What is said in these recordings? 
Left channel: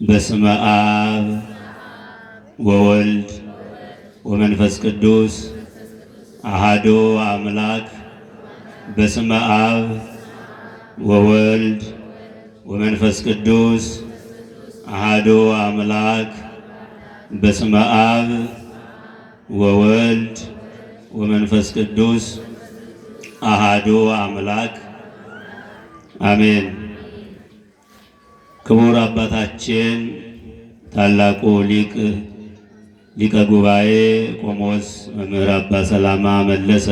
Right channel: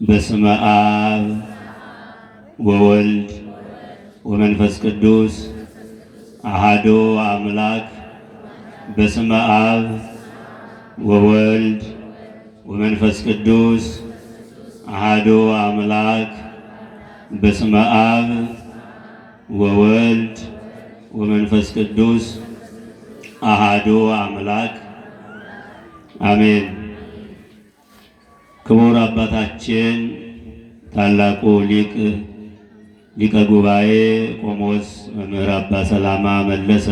በስመ አብ ወወልድ ወመንፈስ ቅዱስ አሐዱ አምላክ። በስመ አብ ወወልድ ወመንፈስ ቅዱስ አሐዱ አምላክ። በስመ አብ ወወልድ ወመንፈስ ቅዱስ አሐዱ አምላክ አሜን። ክቡር አባታችን ታላቁ ሊቀ ጉባኤ ቆሞስ መምህር አባ ሰላማ መለሰ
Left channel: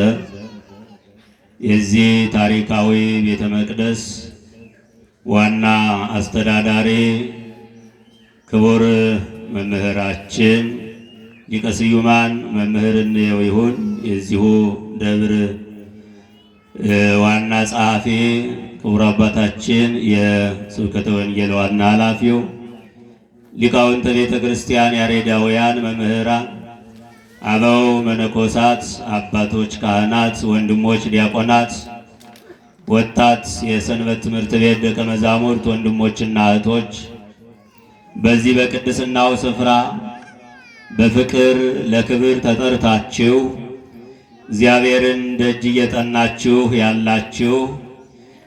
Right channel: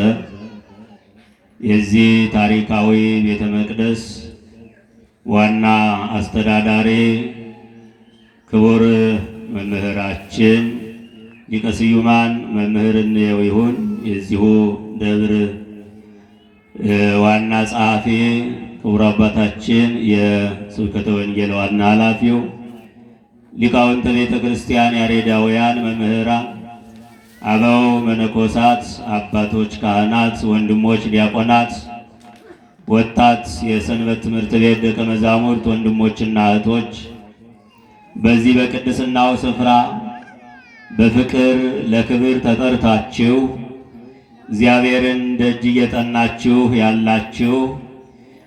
የዚህ ታሪካዊ ቤተ መቅደስ ዋና አስተዳዳሪ፣ ክቡር መምህራችን ሊቀ ስዩማን መምህር እንየው ይሁን የዚሁ ደብር ዋና ጸሐፊ፣ ክቡር አባታችን የስብከተ ወንጌል ዋና ኃላፊው፣ ሊቃውንተ ቤተ ክርስቲያን ያሬዳውያን መምህራን፣ አበው መነኮሳት፣ አባቶች ካህናት፣ ወንድሞች ዲያቆናት፣ ወጣት የሰንበት ትምህርት ቤት ደቀ መዛሙርት ወንድሞችና እህቶች በዚህ በቅድስናው ስፍራ በፍቅር ለክብር ተጠርታችሁ እግዚአብሔርን ደጅ እየጠናችሁ ያላችሁ፣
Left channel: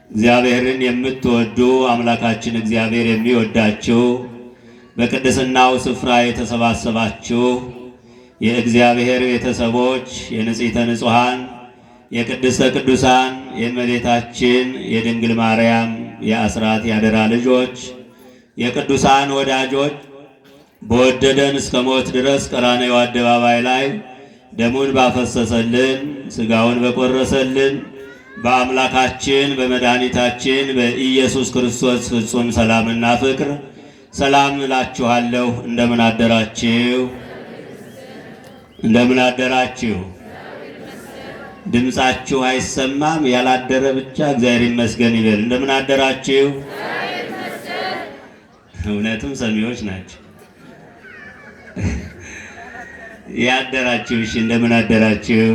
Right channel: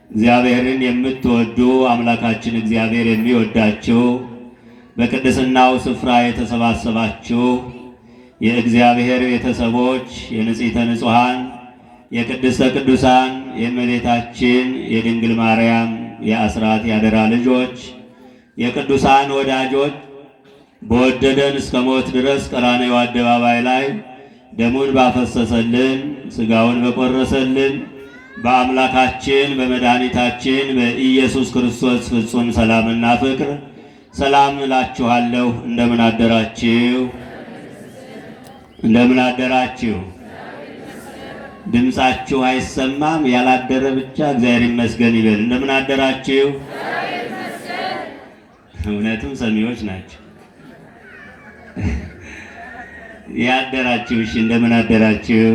እግዚአብሔርን የምትወዱ አምላካችን እግዚአብሔር የሚወዳችሁ በቅድስናው ስፍራ የተሰባሰባችሁ የእግዚአብሔር ቤተሰቦች፣ የንጽሕተ ንጹሐን የቅድስተ ቅዱሳን የእመቤታችን የድንግል ማርያም የአስራት ያደራ ልጆች፣ የቅዱሳን ወዳጆች በወደደን እስከ ሞት ድረስ ቀራንዮ አደባባይ ላይ ደሙን ባፈሰሰልን ሥጋውን በቆረሰልን በአምላካችን በመድኃኒታችን በኢየሱስ ክርስቶስ ፍጹም ሰላምና ፍቅር ሰላም እላችኋለሁ። እንደምን አደራችሁ? እንደምን አደራችሁ? ድምፃችሁ አይሰማም። ያላደረ ብቻ እግዚአብሔር ይመስገን ይበል። እንደምን አደራችሁ? እውነትም ሰሚዎች ናቸው። ያደራችሁ እሺ፣ እንደምን አደራችሁ?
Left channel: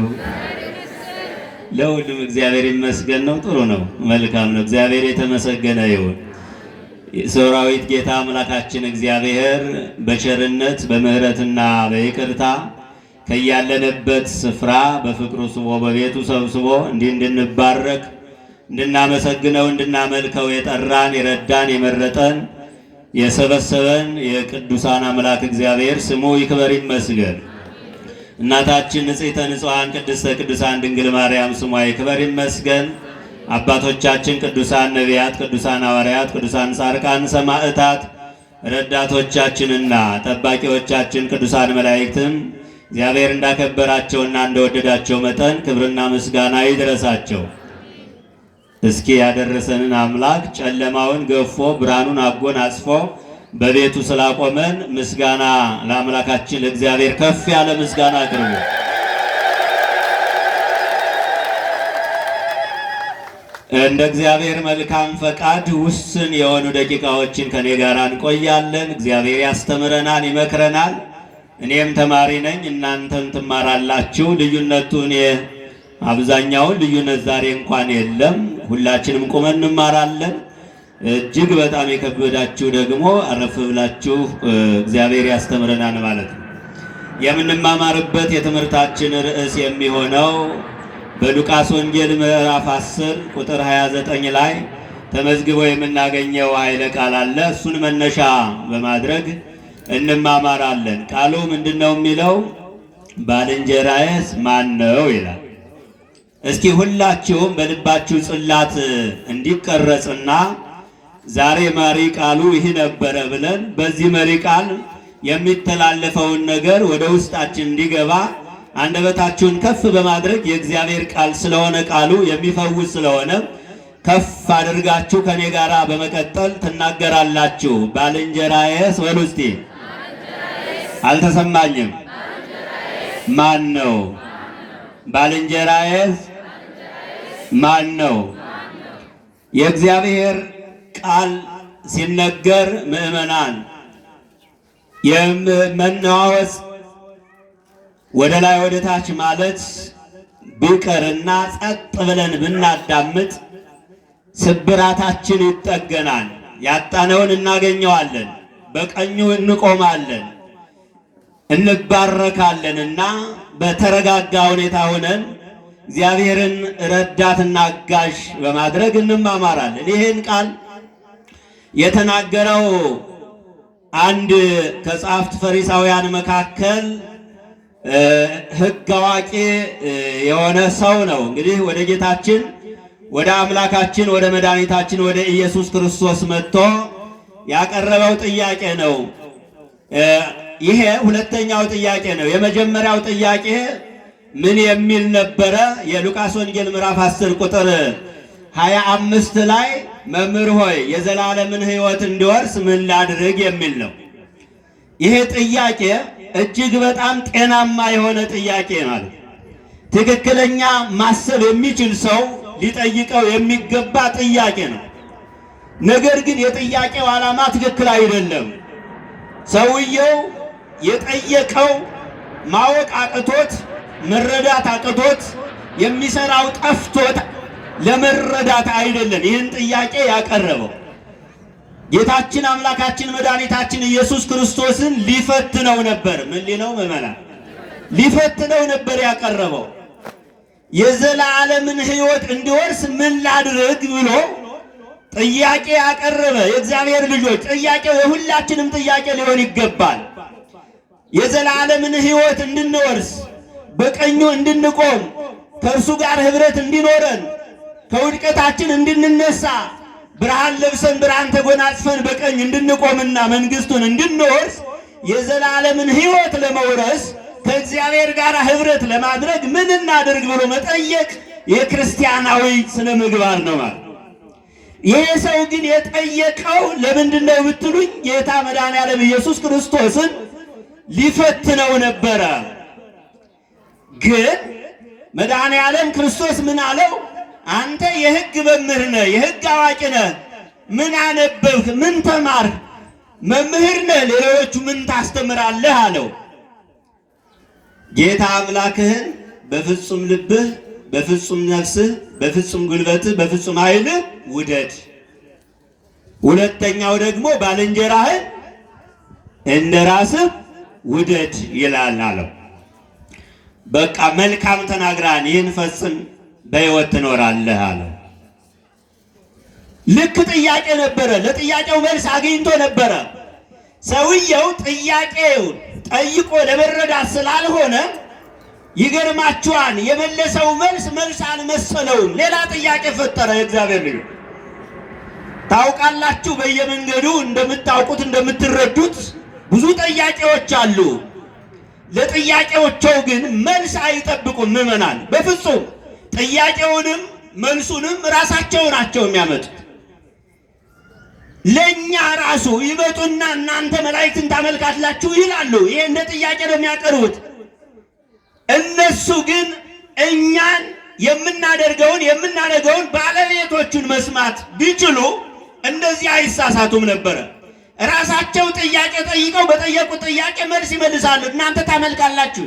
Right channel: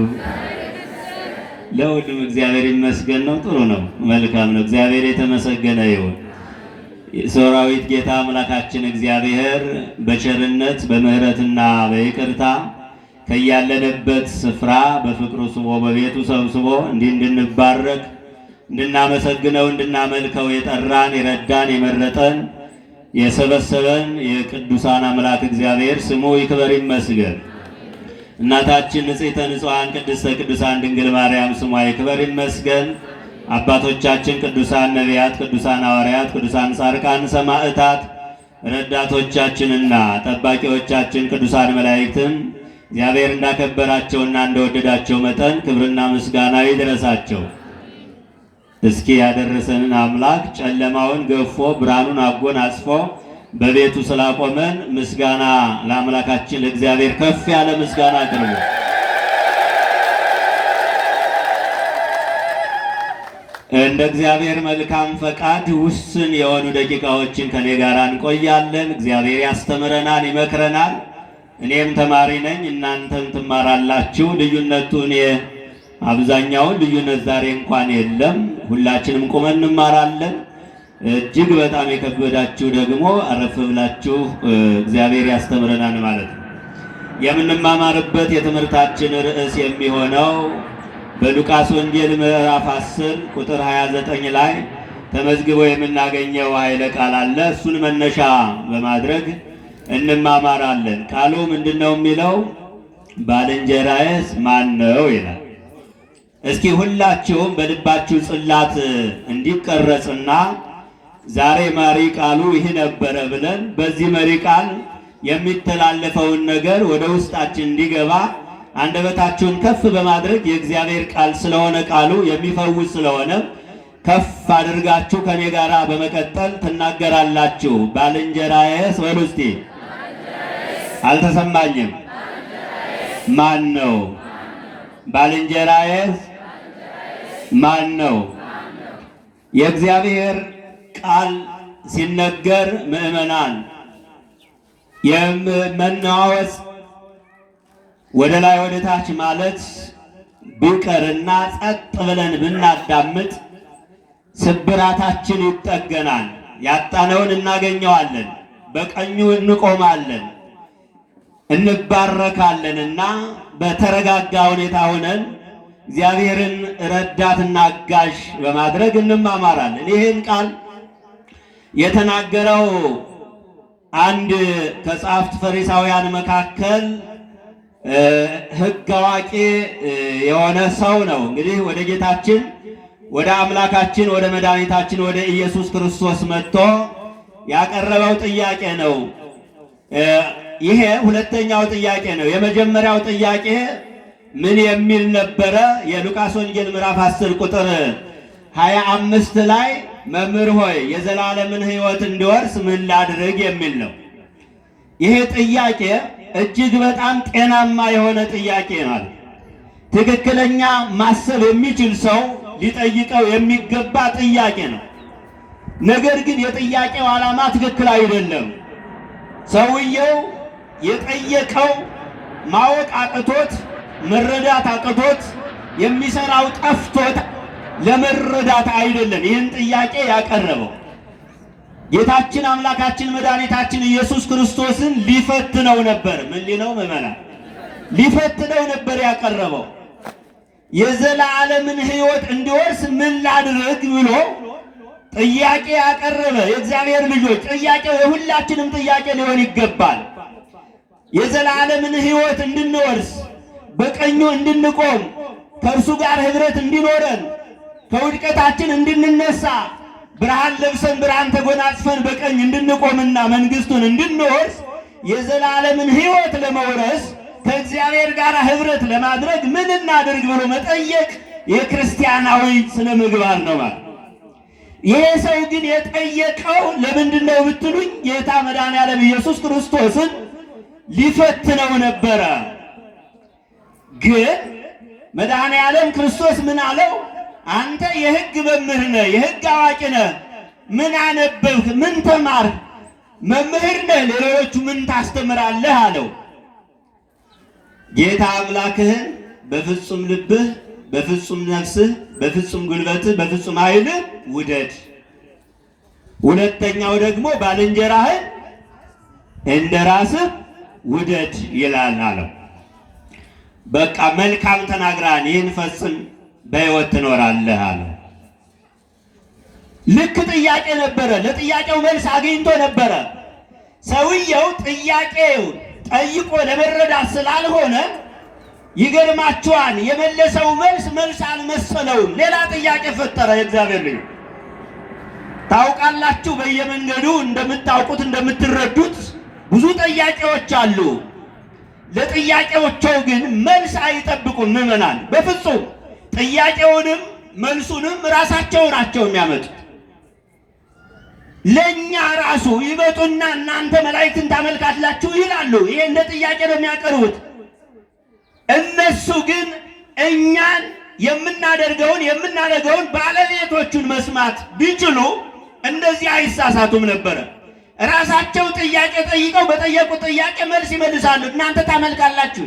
ለሁሉም እግዚአብሔር ይመስገን ነው። ጥሩ ነው፣ መልካም ነው። እግዚአብሔር የተመሰገነ ይሁን። ሰራዊት ጌታ አምላካችን እግዚአብሔር በቸርነት በምሕረትና በይቅርታ ከያለንበት ስፍራ በፍቅሩ ስቦ በቤቱ ሰብስቦ እንዲህ እንድንባረክ እንድናመሰግነው እንድናመልከው የጠራን የረዳን የመረጠን የሰበሰበን የቅዱሳን አምላክ እግዚአብሔር ስሙ ይክበር ይመስገን። እናታችን ንጽሕተ ንጹሐን ቅድስተ ቅዱሳን ድንግል ማርያም ስሟ ይክበር ይመስገን። አባቶቻችን ቅዱሳን ነቢያት፣ ቅዱሳን ሐዋርያት፣ ቅዱሳን ጻድቃን ሰማዕታት፣ ረዳቶቻችንና ጠባቂዎቻችን ቅዱሳን መላእክትም እግዚአብሔር እንዳከበራቸውና እንደወደዳቸው መጠን ክብርና ምስጋና ይድረሳቸው። እስኪ ያደረሰንን አምላክ ጨለማውን ገፎ ብርሃኑን አጎናጽፎ በቤቱ ስላቆመን ምስጋና ለአምላካችን ለእግዚአብሔር ከፍ ያለ ምስጋና አቅርቡ። እንደ እግዚአብሔር መልካም ፈቃድ ውስን የሆኑ ደቂቃዎችን ከኔ ጋር እንቆያለን። እግዚአብሔር ያስተምረናል፣ ይመክረናል። እኔም ተማሪ ነኝ፣ እናንተም ትማራላችሁ። ልዩነቱን አብዛኛውን ልዩነት ዛሬ እንኳን የለም። ሁላችንም ቁመን እንማራለን። እጅግ በጣም የከበዳችሁ ደግሞ አረፍ ብላችሁ እግዚአብሔር ያስተምረናል ማለት ነው። የምንማማርበት የትምህርታችን ርዕስ የሚሆነው በሉቃስ ወንጌል ምዕራፍ 10 ቁጥር 29 ላይ ተመዝግቦ የምናገኘው ኃይለ ቃል አለ። እሱን መነሻ በማድረግ እንማማራለን። ቃሉ ምንድነው የሚለው? ባልንጀራዬስ ማን ነው ይላል። እስኪ ሁላችሁም በልባችሁ ጽላት እንዲቀረጽና ዛሬ መሪ ቃሉ ይህ ነበረ ብለን በዚህ መሪ ቃል የሚተላለፈውን ነገር ወደ ውስጣችን እንዲገባ አንደበታችሁን ከፍ በማድረግ የእግዚአብሔር ቃል ስለሆነ ቃሉ የሚፈውስ ስለሆነ ከፍ አድርጋችሁ ከኔ ጋር በመቀጠል ትናገራላችሁ። ባልንጀራዬስ በሉ እስቲ። አልተሰማኝም። ማን ነው? ባልንጀራዬስ ማን ነው? የእግዚአብሔር ቃል ሲነገር ምዕመናን የመናወጽ ወደ ላይ ወደ ታች ማለት ቢቀርና ጸጥ ብለን ብናዳምጥ ስብራታችን ይጠገናል። ያጣነውን እናገኘዋለን፣ በቀኙ እንቆማለን፣ እንባረካለንና በተረጋጋ ሁኔታ ሆነን እግዚአብሔርን ረዳትና አጋዥ በማድረግ እንማማራለን። ይህን ቃል የተናገረው አንድ ከጸሐፍት ፈሪሳውያን መካከል ሕግ አዋቂ የሆነ ሰው ነው። እንግዲህ ወደ ጌታችን ወደ አምላካችን ወደ መድኃኒታችን ወደ ኢየሱስ ክርስቶስ መጥቶ ያቀረበው ጥያቄ ነው። ይሄ ሁለተኛው ጥያቄ ነው። የመጀመሪያው ጥያቄ ምን የሚል ነበረ? የሉቃስ ወንጌል ምዕራፍ 10 ቁጥር 25 ላይ መምህር ሆይ የዘላለምን ሕይወት እንድወርስ ምን ላድርግ የሚል ነው። ይሄ ጥያቄ እጅግ በጣም ጤናማ የሆነ ጥያቄ ማለት ትክክለኛ ማሰብ የሚችል ሰው ሊጠይቀው የሚገባ ጥያቄ ነው። ነገር ግን የጥያቄው ዓላማ ትክክል አይደለም። ሰውየው የጠየቀው ማወቅ አቅቶት መረዳት አቅቶት የሚሰራው ጠፍቶት ለመረዳት አይደለም ይህን ጥያቄ ያቀረበው። ጌታችን አምላካችን መድኃኒታችን ኢየሱስ ክርስቶስን ሊፈትነው ነበር። ምን ሊነው ምዕመናን? ሊፈትነው ነበር ያቀረበው። የዘላለምን ሕይወት እንዲወርስ ምን ላድርግ ብሎ ጥያቄ ያቀረበ። የእግዚአብሔር ልጆች ጥያቄው የሁላችንም ጥያቄ ሊሆን ይገባል። የዘላለምን ሕይወት እንድንወርስ፣ በቀኙ እንድንቆም፣ ከእርሱ ጋር ኅብረት እንዲኖረን፣ ከውድቀታችን እንድንነሳ፣ ብርሃን ለብሰን ብርሃን ተጎናጽፈን በቀኝ እንድንቆምና መንግሥቱን እንድንወርስ የዘላለምን ሕይወት ለመውረስ ከእግዚአብሔር ጋር ኅብረት ለማድረግ ምን እናድርግ ብሎ መጠየቅ የክርስቲያናዊ ስነ ምግባር ነው ማለት። ይሄ ሰው ግን የጠየቀው ለምንድን ነው ብትሉኝ ጌታ መድኃኔዓለም ኢየሱስ ክርስቶስን ሊፈትነው ነበረ። ግን መድኃኔዓለም ክርስቶስ ምን አለው? አንተ የሕግ መምህር ነህ፣ የሕግ አዋቂ ነህ፣ ምን አነበብህ? ምን ተማርህ? መምህር ነህ፣ ሌሎቹ ምን ታስተምራለህ አለው። ጌታ አምላክህን በፍጹም ልብህ፣ በፍጹም ነፍስህ፣ በፍጹም ጉልበትህ፣ በፍጹም ኃይልህ ውደድ። ሁለተኛው ደግሞ ባልንጀራህን እንደ ራስህ ውደድ ይላል አለው። በቃ መልካም ተናግራን ይህን ፈጽም በሕይወት ትኖራለህ አለው። ልክ ጥያቄ ነበረ። ለጥያቄው መልስ አግኝቶ ነበረ። ሰውየው ጥያቄው ጠይቆ ለመረዳት ስላልሆነ ይገርማችኋል፣ የመለሰው መልስ አልመሰለውም። ሌላ ጥያቄ ፈጠረ። የእግዚአብሔር ልጅ ታውቃላችሁ፣ በየመንገዱ እንደምታውቁት እንደምትረዱት ብዙ ጥያቄዎች አሉ። ለጥያቄዎቸው ግን መልስ አይጠብቁም ምዕመናን፣ በፍጹም ጥያቄውንም መልሱንም ራሳቸው ናቸው የሚያመጡት። ለእኛ ራሱ ይመጡና እናንተ መላእክትን ታመልካላችሁ ይላሉ። ይሄ እንደ ጥያቄ ነው የሚያቀርቡት። እነሱ ግን እኛን የምናደርገውን ባለቤቶቹን መስማት ቢችሉ እንደዚህ አይሳሳቱም ነበረ። ራሳቸው ጥያቄ ጠይቀው በጠየቁት ጥያቄ መልስ ይመልሳሉ። እናንተ ታመልካላችሁ።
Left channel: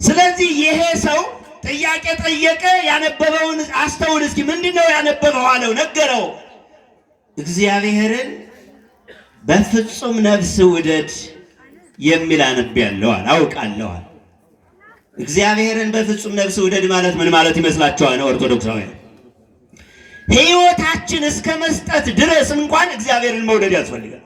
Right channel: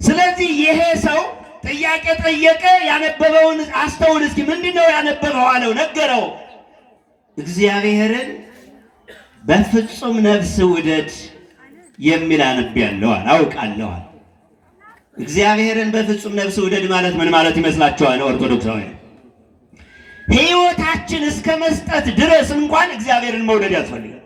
ስለዚህ ይሄ ሰው ጥያቄ ጠየቀ። ያነበበውን አስተውል እስኪ። ምንድነው ያነበበው አለው፣ ነገረው። እግዚአብሔርን በፍጹም ነፍስ ውደድ የሚል አንብቤያለሁ፣ አውቃለሁ። እግዚአብሔርን በፍጹም ነፍስ ውደድ ማለት ምን ማለት ይመስላችኋል? ኦርቶዶክሳውያን ሕይወታችን እስከ መስጠት ድረስ እንኳን እግዚአብሔርን መውደድ ያስፈልጋል።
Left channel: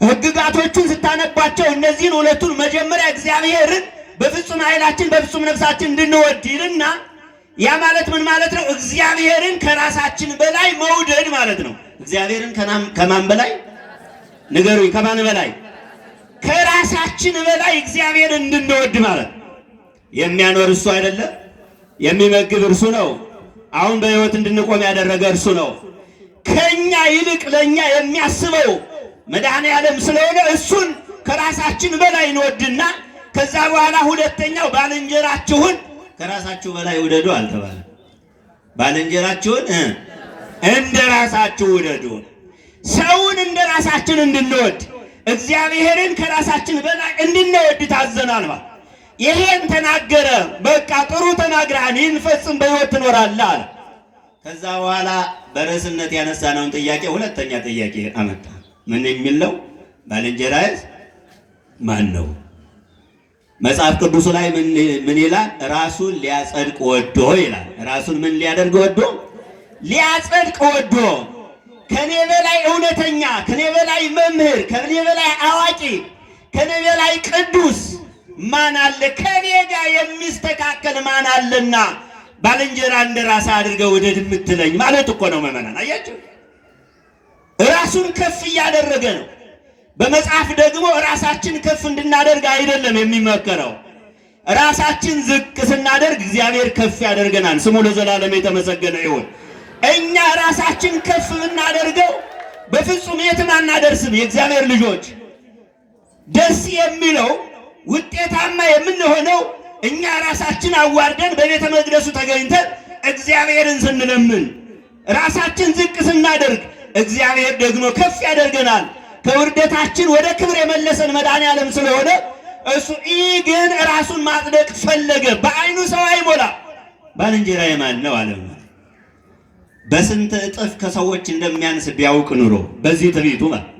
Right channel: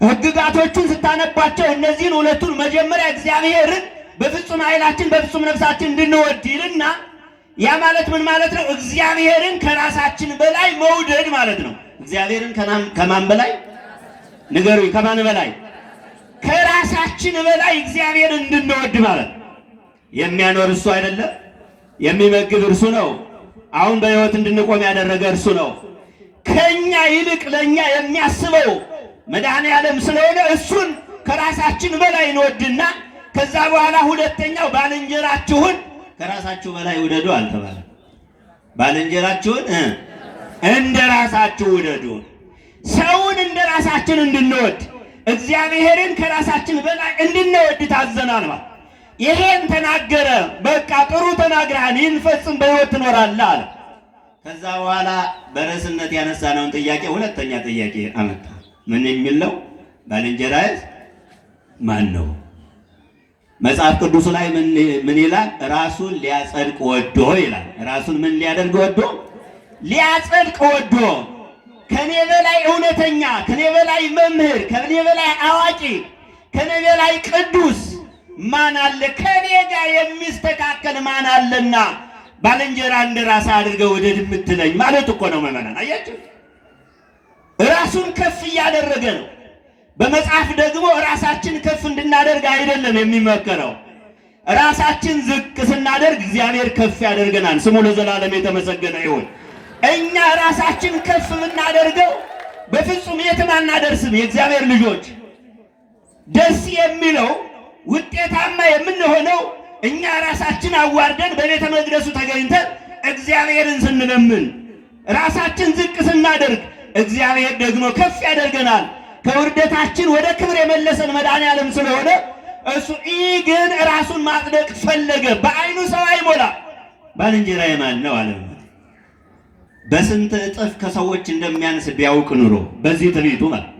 ሕግጋቶቹን ስታነባቸው እነዚህን ሁለቱን መጀመሪያ እግዚአብሔርን በፍጹም ኃይላችን በፍጹም ነፍሳችን እንድንወድ ይልና ያ ማለት ምን ማለት ነው? እግዚአብሔርን ከራሳችን በላይ መውደድ ማለት ነው። እግዚአብሔርን ከማን በላይ ንገሩኝ? ከማን በላይ? ከራሳችን በላይ እግዚአብሔርን እንድንወድ ማለት። የሚያኖር እሱ አይደለም? የሚመግብ እርሱ ነው። አሁን በሕይወት እንድንቆም ያደረገ እርሱ ነው። ከኛ ይልቅ ለኛ የሚያስበው መድኃኔዓለም ስለሆነ እሱን ከራሳችን በላይ እንወድና ከዛ በኋላ ሁለተኛው ባልንጀራችሁን ከራሳችሁ በላይ ውደዱ አልተባለ። ባልንጀራችሁን እንደ ራሳችሁ ውደዱ። ሰውን እንደ ራሳችን እንድንወድ እግዚአብሔርን ከራሳችን በላይ እንድንወድ ታዘናል። ይሄን ተናገረ። በቃ ጥሩ ተናግረሃል፣ ይህን ፈጽም በሕይወት ትኖራለህ አለ። ከዛ በኋላ በርዕስነት ያነሳነውን ጥያቄ ሁለተኛ ጥያቄ አመጣ። ምን የሚል ነው? ባልንጀራህ ማን ነው? መጽሐፍ ቅዱስ ላይ ምን ይላል? ራሱን ሊያጸድቅ ወዶ ይላል። ራሱን ምን ሊያደርግ ወዶ? ሊያጸድቅ ወዶ። ከኔ በላይ እውነተኛ፣ ከኔ በላይ መምህር፣ ከኔ በላይ አዋቂ፣ ከኔ በላይ ቅዱስ ማን አለ? ከኔ ጋር የሚስተካከል ማን አለና ባልንጀራ እንደራስ አድርገህ ውደድ የምትለኝ ማለት እኮ ነው። መመናን አያችሁ፣ ራሱን ከፍ እያደረገ ነው። በመጽሐፍ ደግሞ ራሳችን ከፍ እንድናደርግ አይደለም የሚመከረው። ራሳችን ዝቅ ስናደርግ እግዚአብሔር ከፍ ያደርገናል። ስሙ ለዘላለም የተመሰገነ ይሁን። እኛ ራሳችን ከፍ ብናደርገው በፍጹም የትም አናደርስም። የእግዚአብሔር ልጆች ደስ የሚለው ውጤታማ የምንሆነው እኛ ራሳችን አዋርደን በቤተ መቅደሱ ተገኝተን እግዚአብሔርን ስንለምን፣ ራሳችን ዝቅ ስናደርግ እግዚአብሔር ደግሞ ከፍ ያደርገናል። ከውርደታችን ወደ ክብር የመለሰን መድኃኔዓለም ስለሆነ እሱ ግን ራሱን ማጽደቅ ፈለገ። በዓይኑ ሰው አይሞላ። ባልንጀራዬ ማን ነው አለ። በስንት እጥፍ ከሰዎች እንደሚያንስ ቢያውቅ ኑሮ በዚህ ትዕቢቱ ማለት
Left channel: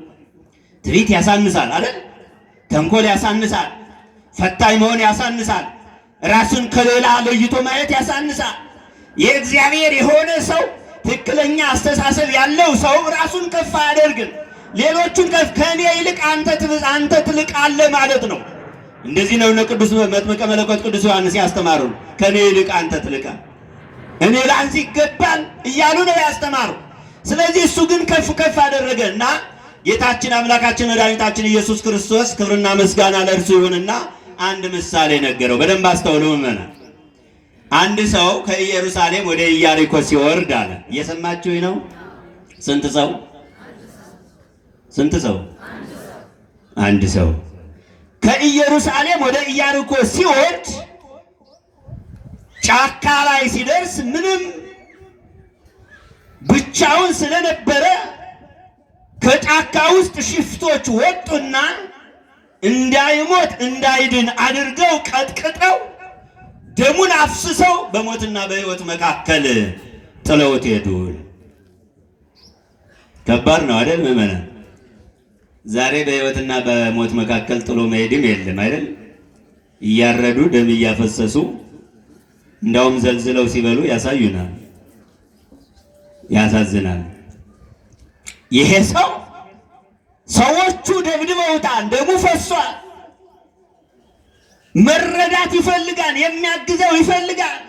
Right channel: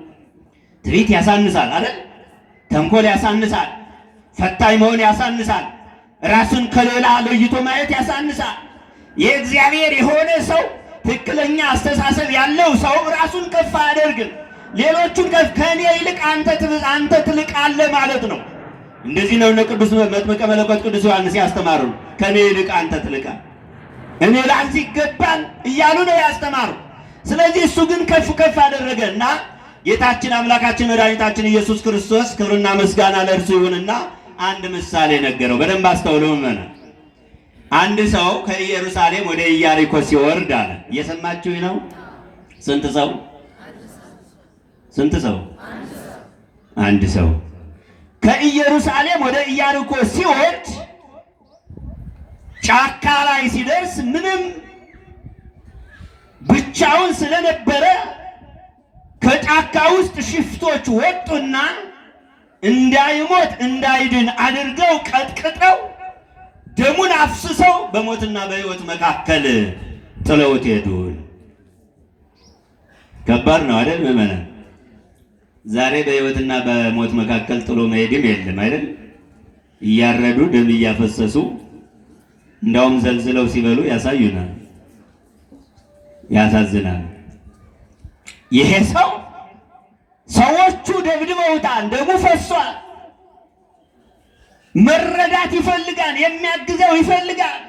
ትዕቢት ያሳንሳል አይደል? ተንኮል ያሳንሳል። ፈታኝ መሆን ያሳንሳል። ራሱን ከሌላ ለይቶ ማየት ያሳንሳል። የእግዚአብሔር የሆነ ሰው ትክክለኛ አስተሳሰብ ያለው ሰው ራሱን ከፍ አያደርግም። ሌሎቹን ከኔ ይልቅ አንተ ትልቃለህ ማለት ነው። እንደዚህ ነው እነ ቅዱስ መጥምቀ መለኮት ቅዱስ ዮሐንስ ያስተማሩ። ከኔ ይልቅ አንተ ትልቃለህ፣ እኔ ላንተ ይገባል እያሉ ነው ያስተማሩ። ስለዚህ እሱ ግን ከፍ ከፍ አደረገና ጌታችን አምላካችን መድኃኒታችን ኢየሱስ ክርስቶስ ክብርና ምስጋና ለእርሱ ይሁንና አንድ ምሳሌ ነገረው። በደንብ አስተውሉ ምእመናን። አንድ ሰው ከኢየሩሳሌም ወደ ኢያሪኮ ሲወርድ አለ። እየሰማችሁ ነው? ስንት ሰው? አንድ ሰው ከኢየሩሳሌም ወደ ኢያሪኮ ሲወርድ ጫካ ላይ ሲደርስ ምንም ብቻውን ስለነበረ ከጫካ ውስጥ ሽፍቶች ወጡና እንዳይሞት እንዳይድን አድርገው ቀጥቅጠው ደሙን አፍስሰው በሞትና በሕይወት መካከል ጥለውት ሄዱ። ከባድ ነው አይደል ምእመናን? ዛሬ በሕይወትና በሞት መካከል ጥሎ መሄድም የለም አይደል? እያረዱ ደም እያፈሰሱ እንዳውም ዘልዝለው ሲበሉ ያሳዩናል። ያሳዝናል። ይሄ ሰው ሰዎቹ ደብድበውታል፣ ደሙ ፈሷል። መረዳት ይፈልጋል፣ የሚያግዘው ይፈልጋል።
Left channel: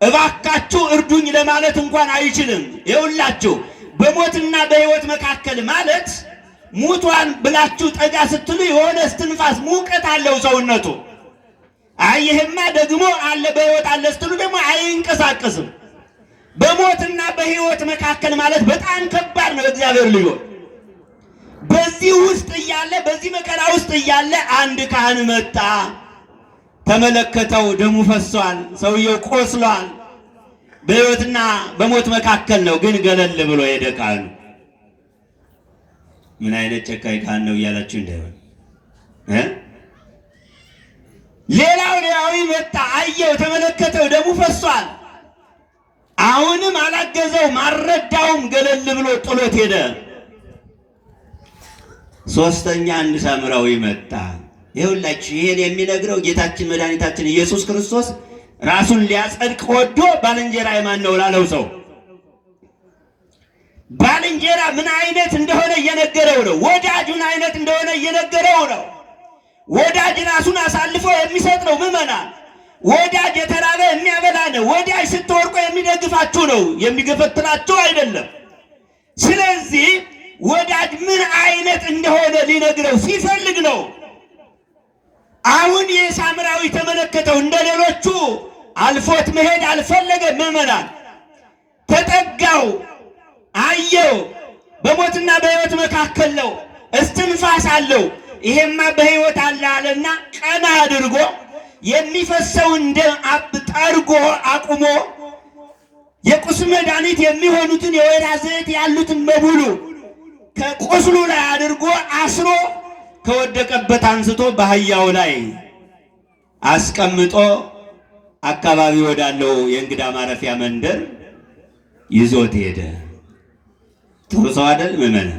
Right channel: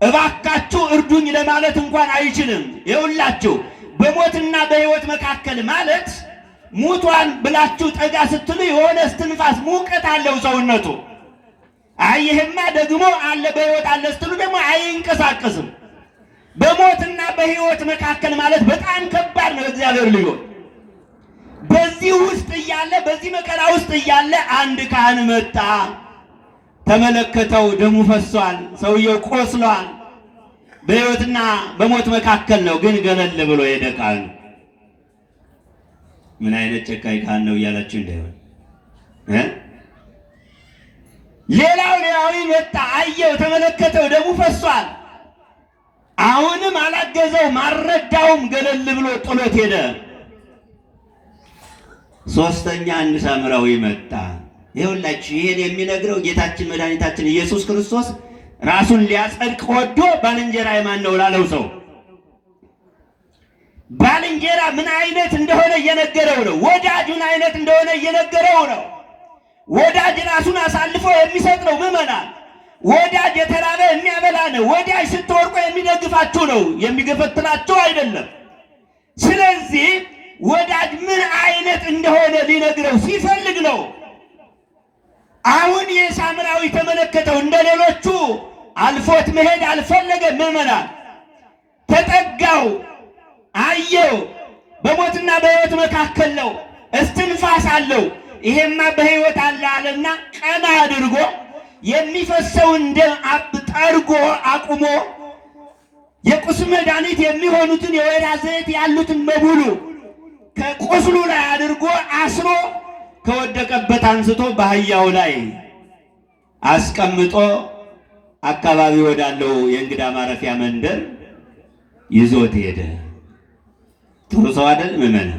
እባካችሁ እርዱኝ ለማለት እንኳን አይችልም። ይኸውላችሁ በሞትና በሕይወት መካከል ማለት ሙቷን ብላችሁ ጠጋ ስትሉ የሆነ እስትንፋስ ሙቀት አለው ሰውነቱ። ይሄማ ደግሞ አለ በሕይወት አለ ስትሉ ደግሞ አይንቀሳቀስም። በሞትና በሕይወት መካከል ማለት በጣም ከባድ ነው። እግዚአብሔር ልዩ በዚህ ውስጥ እያለ በዚህ መከራ ውስጥ እያለ አንድ ካህን መጣ። ተመለከተው፣ ደሙ ፈሷል፣ ሰውየው ቆስሏል። በሕይወትና በሞት መካከል ነው፣ ግን ገለል ብሎ ሄደ ካህኑ። ምን አይነት ጨካኝ ካህን ነው እያላችሁ እንዳይሆን ሌላዊ መጣ፣ አየው፣ ተመለከተው፣ ደሙ ፈሷል። አሁንም አላገዘውም፣ አልረዳውም፣ ገለል ብሎ ጥሎት ሄደ። ሶስተኛ አንድ ሳምራዊ መጣ። ይኸውላችሁ ይሄን የሚነግረው ጌታችን መድኃኒታችን ኢየሱስ ክርስቶስ ራሱን ሊያጸድቅ ወዶ ባልንጀራዬ ማን ነው ላለው ሰው ባልንጀራ ምን አይነት እንደሆነ እየነገረው ነው። ወዳጅ ምን አይነት እንደሆነ እየነገረው ነው። ወዳጅ ራሱን አሳልፎ የሚሰጥ ነው። ምዕመናን ወዳጅ የተራበ የሚያበላ ነው። ወዳጅ ስትወርቁ የሚደግፋችሁ ነው፣ የሚገፈትራችሁ አይደለም። ስለዚህ ወዳጅ ምን አይነት እንደሆነ ሊነግረው ሲፈልግ ነው። አሁን የሳምራዊ ተመለከተው፣ እንደሌሎቹ አልፎት መሄድ አልፈለገም። ምዕመናን ተጠጋው፣ አየው፣ በሞትና በሕይወት መካከል ነው፣ እስትንፋስ አለው። ይሄማ በሕይወት አለ አለና ቀና አድርጎ የሚፈሰውን ደም ጠርጎ አቁሞ የቁስል መድኃኒት የሚሆኑትን የወይራ ዘይት ያሉትን በሙሉ ከቁስሉ ላይ አድርጎ አስሮ ከወደቀበት አንስቶ በአህያው ላይ አስቀምጦ አካባቢ ወዳለው የእንግዳ ማረፊያ መንደር ይዞት ሄደ። ጥሩ ሰው አይደል ምዕመናን?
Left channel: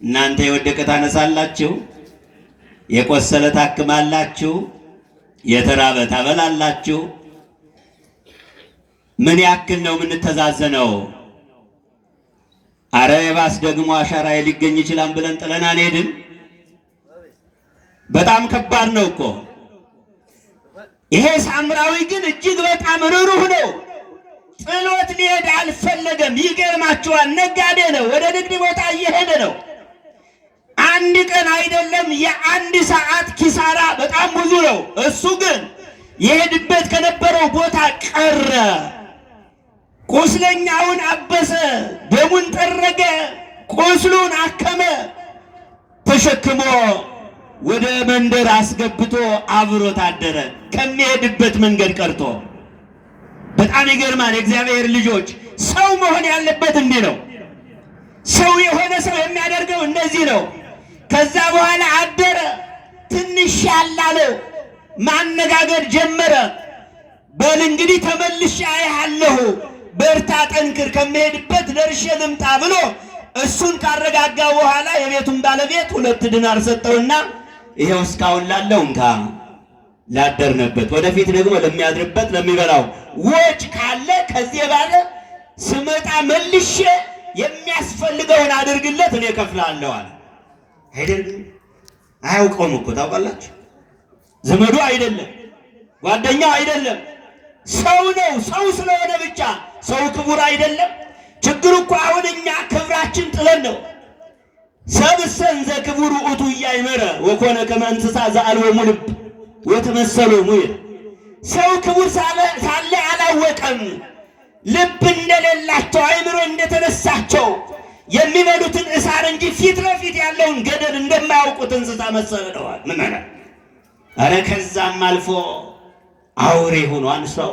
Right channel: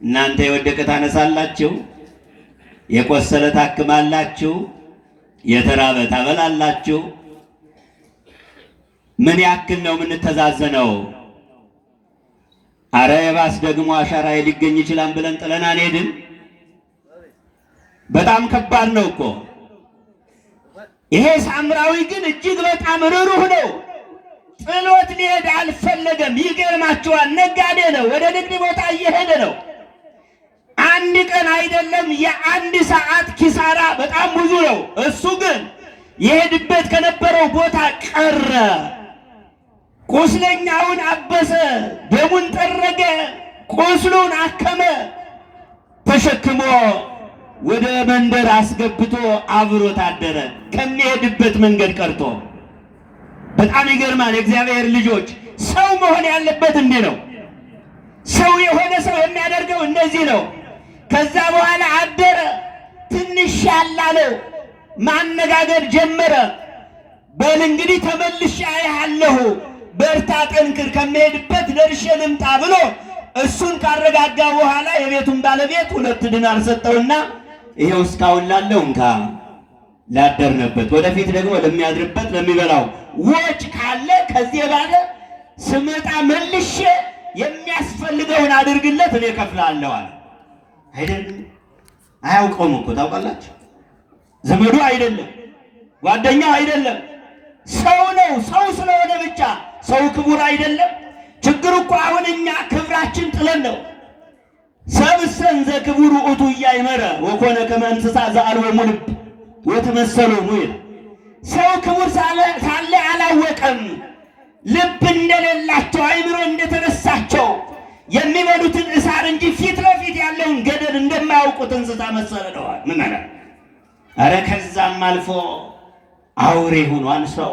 እናንተ የወደቀ ታነሳላችሁ፣ የቆሰለ ታክማላችሁ፣ የተራበ ታበላላችሁ። ምን ያክል ነው የምንተዛዘነው? አረ የባስ ደግሞ አሻራዬ ሊገኝ ይችላል ብለን ጥለን አንሄድም። በጣም ከባድ ነው እኮ ይሄ። ሳምራዊ ግን እጅግ በጣም ርኅሩህ ነው። ጥሎት ሊሄድ አልፈለገም። ይገርማችኋል፣ ነጋዴ ነው፣ ወደ ንግድ ቦታ እየሄደ ነው። አንድ ቀን አይደለም የአንድ ሰዓት ኪሳራ በጣም ብዙ ነው። እሱ ግን የሄድበት ከነበረው ቦታ ቀረ። ቁስለኛውን አበሰ፣ ደሙን ጠረገ፣ ቁስሉን አከመ፣ ተሸክሞ ወደ መንደር አስገብቶ አብሮት አደረ። ከሚሄድበት መንገድ ቀርቶ በጣም ይገርማል። የእግዚአብሔር ልጆች ሰው መሆን ያለበት እንዲህ ነው። ሰው የሆነ ሰው የሚያደርገው እንደዚህ ነው። ከዛ በኋላ አደረ። ትንሽ ያላለው ማነጋገር ጀመረ። በል እንግዲህ ተመልሼ አያለሁ፣ በርታ፣ ጠንክር፣ ከመሄድበት ደርሼ ልምጣ ብሎ እሱን ካረጋጋ በኋላ የቤቱን ባለቤት 2 ዲናር ሰጠውና ይሄው እስካሁን ላለው እንካ፣ ላደርነበት፣ ወደፊት ደግሞ ለሚያድርበት ለሚበላው ወጭ ካለ ከዚህ ባለ ስመጣ መልሼ የሚያስፈልገውን አድርግለት፣ እኔ እከፍላለሁ አለ። አይደለም አያውቀውም እኮ ታውቃላችሁ። ዘመዱ አይደለም፣ ጓደኛው አይደለም፣ ሰው ነው። ሰው ስለሆነ ብቻ ሰው ክቡር አይደለም። ችግሩ እኮ አሁን እኛ ክብራችን ጥለን ነው። ሰብእሰን ዘክቡር ውእቱ ኢያእመረ ወኮነ ከመ እንስሳ ዘአልቦሙ ልብ ወተመሰሎሙ ይላል። ሰው ክቡር ሳለ አላወቀም። ልብ እንደሌላቸው አእምሮ እንደተነሳቸው የሚበሉትን እሳር እንጂ ፊት ለፊት ያለውን ገደል እንደማያውቁት እንስሳ መሰለዋል። ምን አለ? አረ ከዛም አልፎ አውሬ ሆኗል ሰው።